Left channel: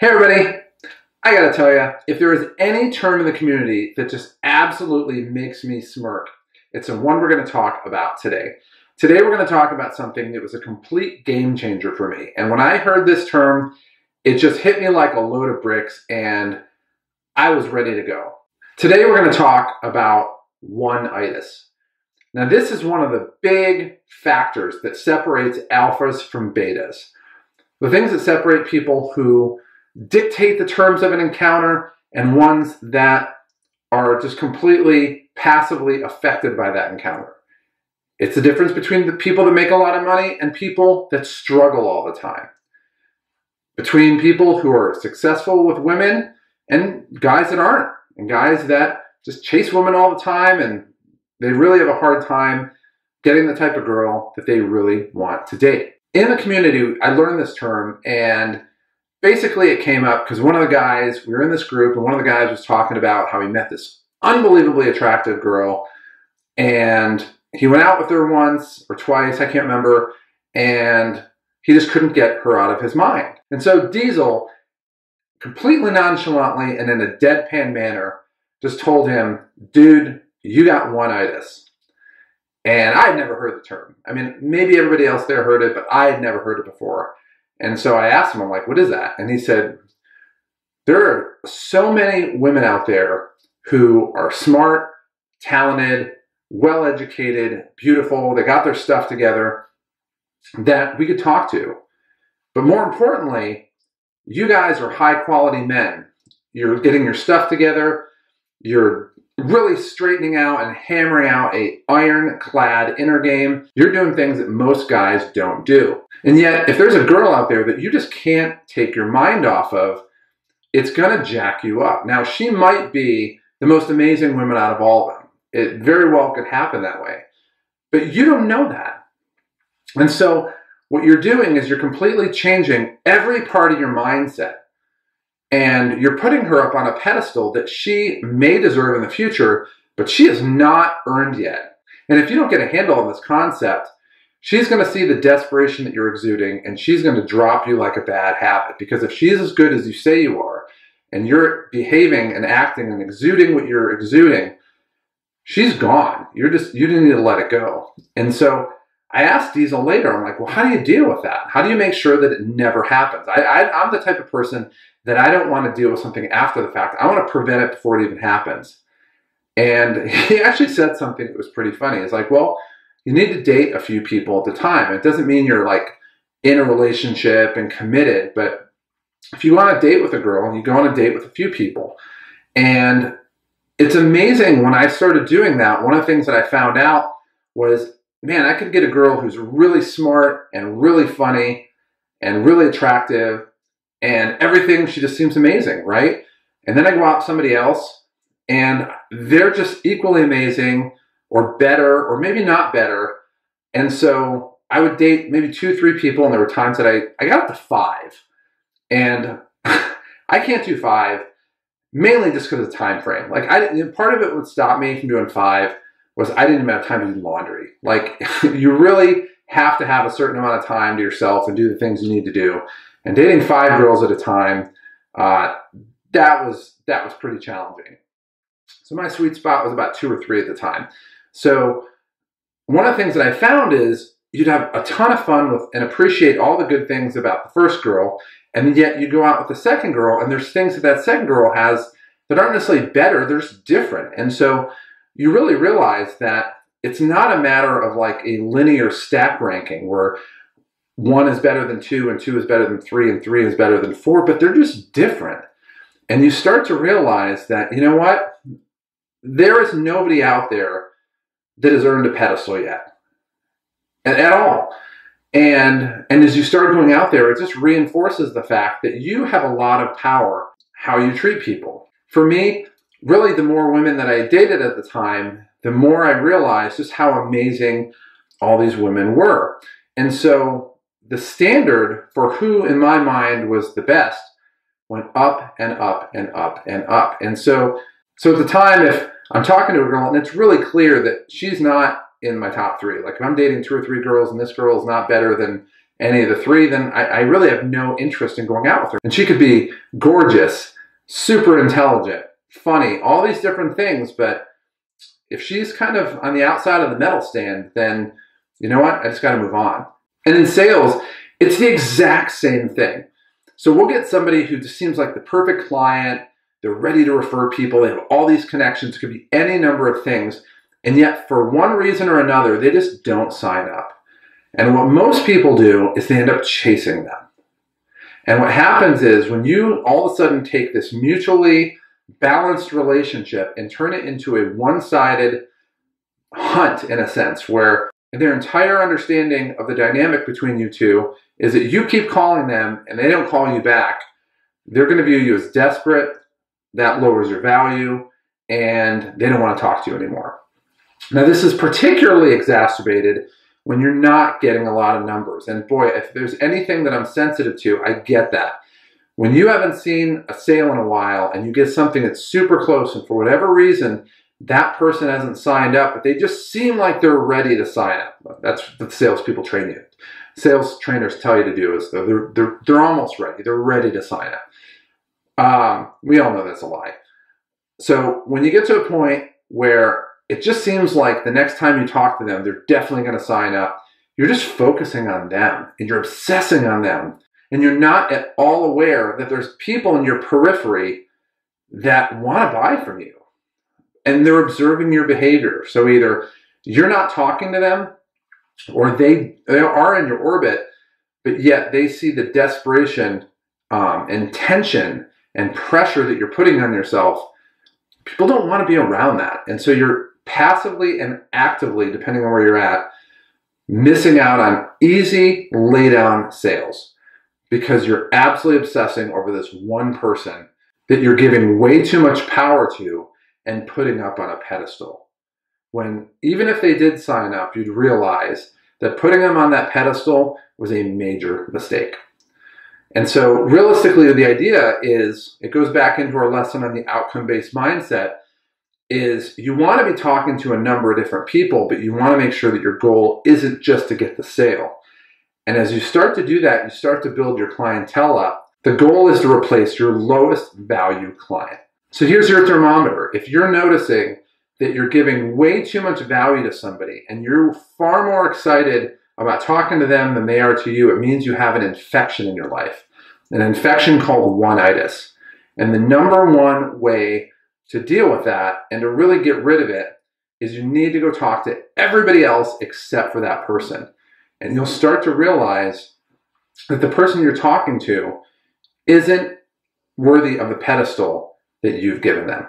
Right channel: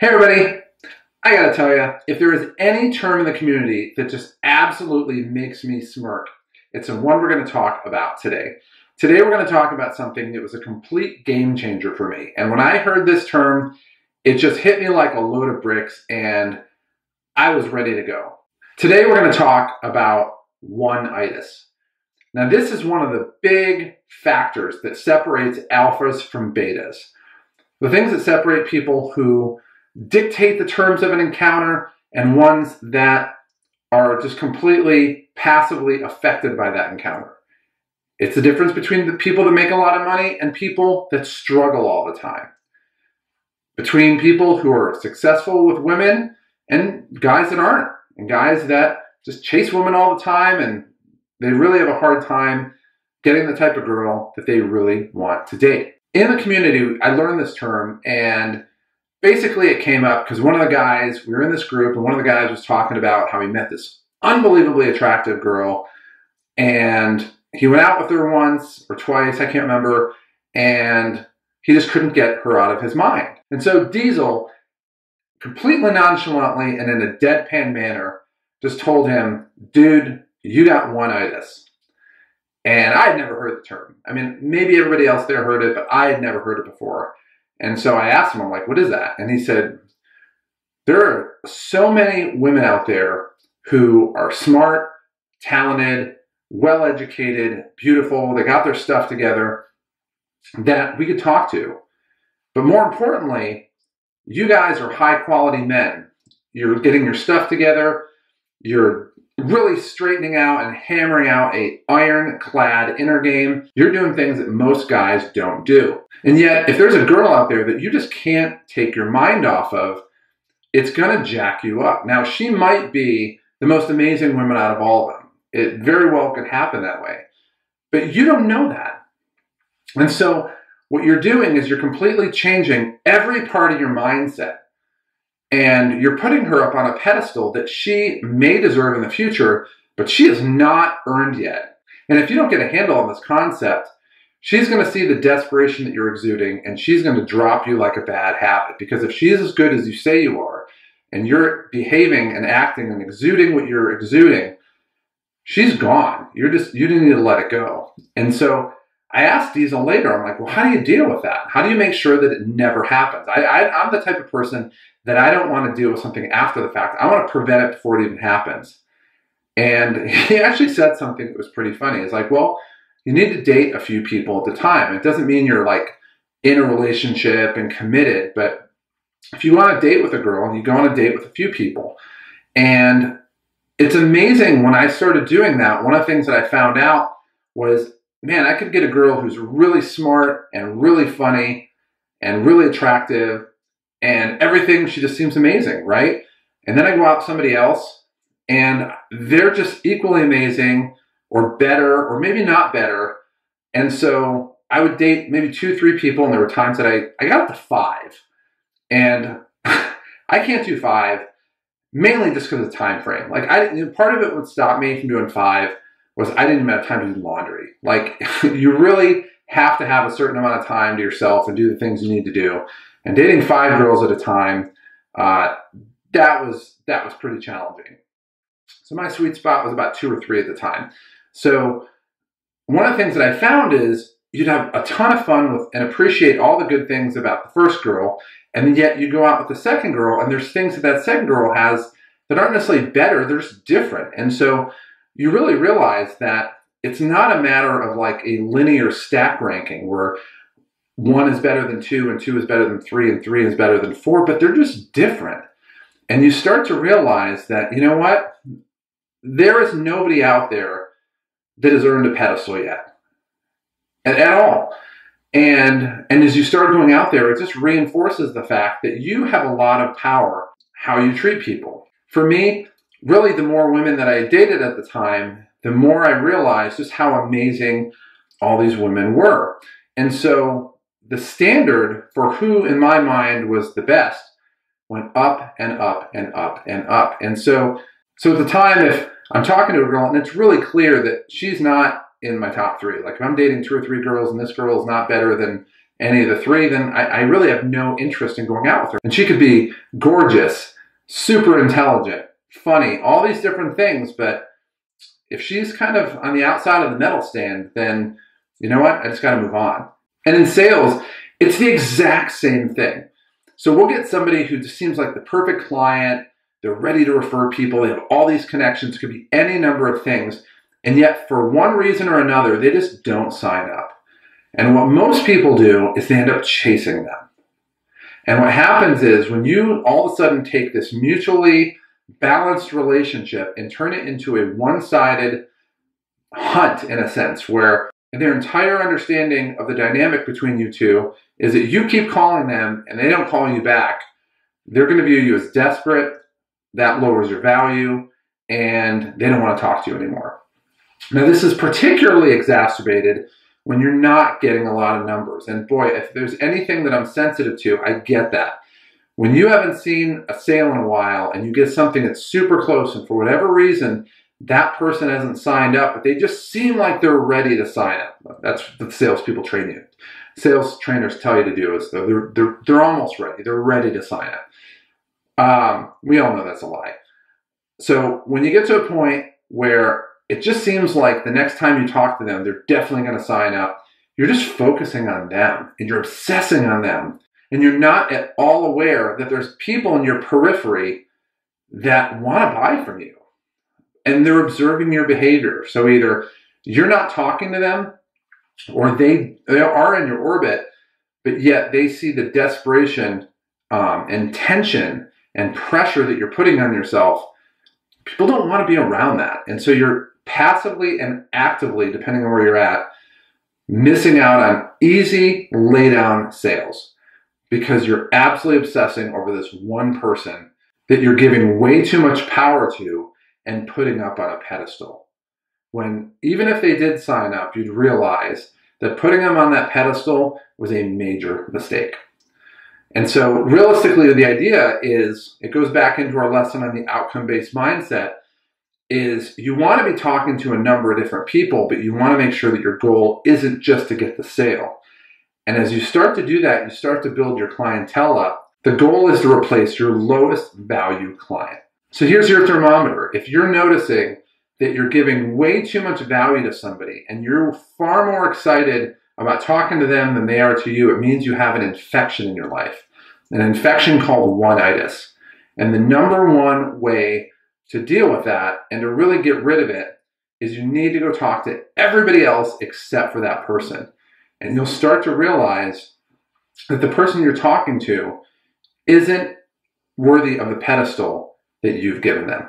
Hey everybody, I gotta tell you, if there is any term in the community that just absolutely makes me smirk, it's the one we're gonna talk about today. Today we're gonna talk about something that was a complete game changer for me. And when I heard this term, it just hit me like a load of bricks and I was ready to go. Today we're gonna talk about One-Itis. Now this is one of the big factors that separates alphas from betas. The things that separate people who dictate the terms of an encounter and ones that are just completely passively affected by that encounter. It's the difference between the people that make a lot of money and people that struggle all the time. Between people who are successful with women and guys that aren't, and guys that just chase women all the time and they really have a hard time getting the type of girl that they really want to date. In the community, I learned this term, and basically it came up because one of the guys, we were in this group, and one of the guys was talking about how he met this unbelievably attractive girl, and he went out with her once or twice, I can't remember, and he just couldn't get her out of his mind. And so Diesel, completely nonchalantly and in a deadpan manner, just told him, dude, you got One-Itis. And I had never heard the term. I mean, maybe everybody else there heard it, but I had never heard it before. And so I asked him, I'm like, what is that? And he said, there are so many women out there who are smart, talented, well-educated, beautiful, they got their stuff together, that we could talk to. But more importantly, you guys are high-quality men. You're getting your stuff together. You're really straightening out and hammering out a ironclad inner game. You're doing things that most guys don't do. And yet, if there's a girl out there that you just can't take your mind off of, it's gonna jack you up. Now, she might be the most amazing woman out of all of them. It very well could happen that way. But you don't know that. And so, what you're doing is you're completely changing every part of your mindset. And you're putting her up on a pedestal that she may deserve in the future, but she has not earned yet. And if you don't get a handle on this concept, she's going to see the desperation that you're exuding, and she's going to drop you like a bad habit. Because if she's as good as you say you are, and you're behaving and acting and exuding what you're exuding, she's gone. You need to let it go. And so I asked Diesel later, I'm like, well, how do you deal with that? How do you make sure that it never happens? I'm the type of person that I don't want to deal with something after the fact. I want to prevent it before it even happens. And he actually said something that was pretty funny. He's like, well, you need to date a few people at the time. It doesn't mean you're like in a relationship and committed, but if you want to date with a girl, you go on a date with a few people. And it's amazing when I started doing that, one of the things that I found out was, man, I could get a girl who's really smart and really funny and really attractive and everything, she just seems amazing, right? And then I go out with somebody else and they're just equally amazing or better or maybe not better. And so I would date maybe 2, 3 people, and there were times that I got up to 5. And I can't do 5, mainly just because of the time frame. Like part of it would stop me from doing 5 was I didn't even have time to do laundry. Like you really have to have a certain amount of time to yourself and do the things you need to do. And dating 5 girls at a time, that was pretty challenging. So my sweet spot was about 2 or 3 at the time. So one of the things that I found is you'd have a ton of fun with and appreciate all the good things about the first girl, and yet you go out with the second girl, and there's things that that second girl has that aren't necessarily better, they're just different. And so you really realize that it's not a matter of like a linear stack ranking where 1 is better than 2, and 2 is better than 3, and 3 is better than 4, but they're just different. And you start to realize that, you know what? There is nobody out there that has earned a pedestal yet. At all. And as you start going out there, it just reinforces the fact that you have a lot of power how you treat people. For me, really the more women that I dated at the time, the more I realized just how amazing all these women were. And so the standard for who in my mind was the best went up and up and up and up. And so at the time, if I'm talking to a girl and it's really clear that she's not in my top 3, like if I'm dating 2 or 3 girls and this girl is not better than any of the three, then I really have no interest in going out with her. And she could be gorgeous, super intelligent, funny, all these different things, but if she's kind of on the outside of the medal stand, then you know what? I just got to move on. And in sales, it's the exact same thing. So we'll get somebody who just seems like the perfect client. They're ready to refer people. They have all these connections. It could be any number of things. And yet, for one reason or another, they just don't sign up. And what most people do is they end up chasing them. And what happens is when you all of a sudden take this mutually balanced relationship and turn it into a one-sided hunt, in a sense, where their entire understanding of the dynamic between you two is that you keep calling them and they don't call you back, they're going to view you as desperate. That lowers your value, and they don't want to talk to you anymore. Now, this is particularly exacerbated when you're not getting a lot of numbers. And boy, if there's anything that I'm sensitive to, I get that. When you haven't seen a sale in a while and you get something that's super close and for whatever reason, that person hasn't signed up, but they just seem like they're ready to sign up. That's what the salespeople train you. Sales trainers tell you to do is they're almost ready. They're ready to sign up. We all know that's a lie. So when you get to a point where it just seems like the next time you talk to them, they're definitely going to sign up, you're just focusing on them and you're obsessing on them. And you're not at all aware that there's people in your periphery that want to buy from you. And they're observing your behavior. So either you're not talking to them or they are in your orbit, but yet they see the desperation and tension and pressure that you're putting on yourself. People don't want to be around that. And so you're passively and actively, depending on where you're at, missing out on easy lay down sales because you're absolutely obsessing over this one person that you're giving way too much power to and putting up on a pedestal. When even if they did sign up, you'd realize that putting them on that pedestal was a major mistake. And so realistically, the idea is, it goes back into our lesson on the outcome-based mindset, is you want to be talking to a number of different people, but you want to make sure that your goal isn't just to get the sale. And as you start to do that, you start to build your clientele up. The goal is to replace your lowest value client. So here's your thermometer. If you're noticing that you're giving way too much value to somebody and you're far more excited about talking to them than they are to you, it means you have an infection in your life, an infection called One-Itis. And the number one way to deal with that and to really get rid of it is you need to go talk to everybody else except for that person. And you'll start to realize that the person you're talking to isn't worthy of the pedestal that you've given them.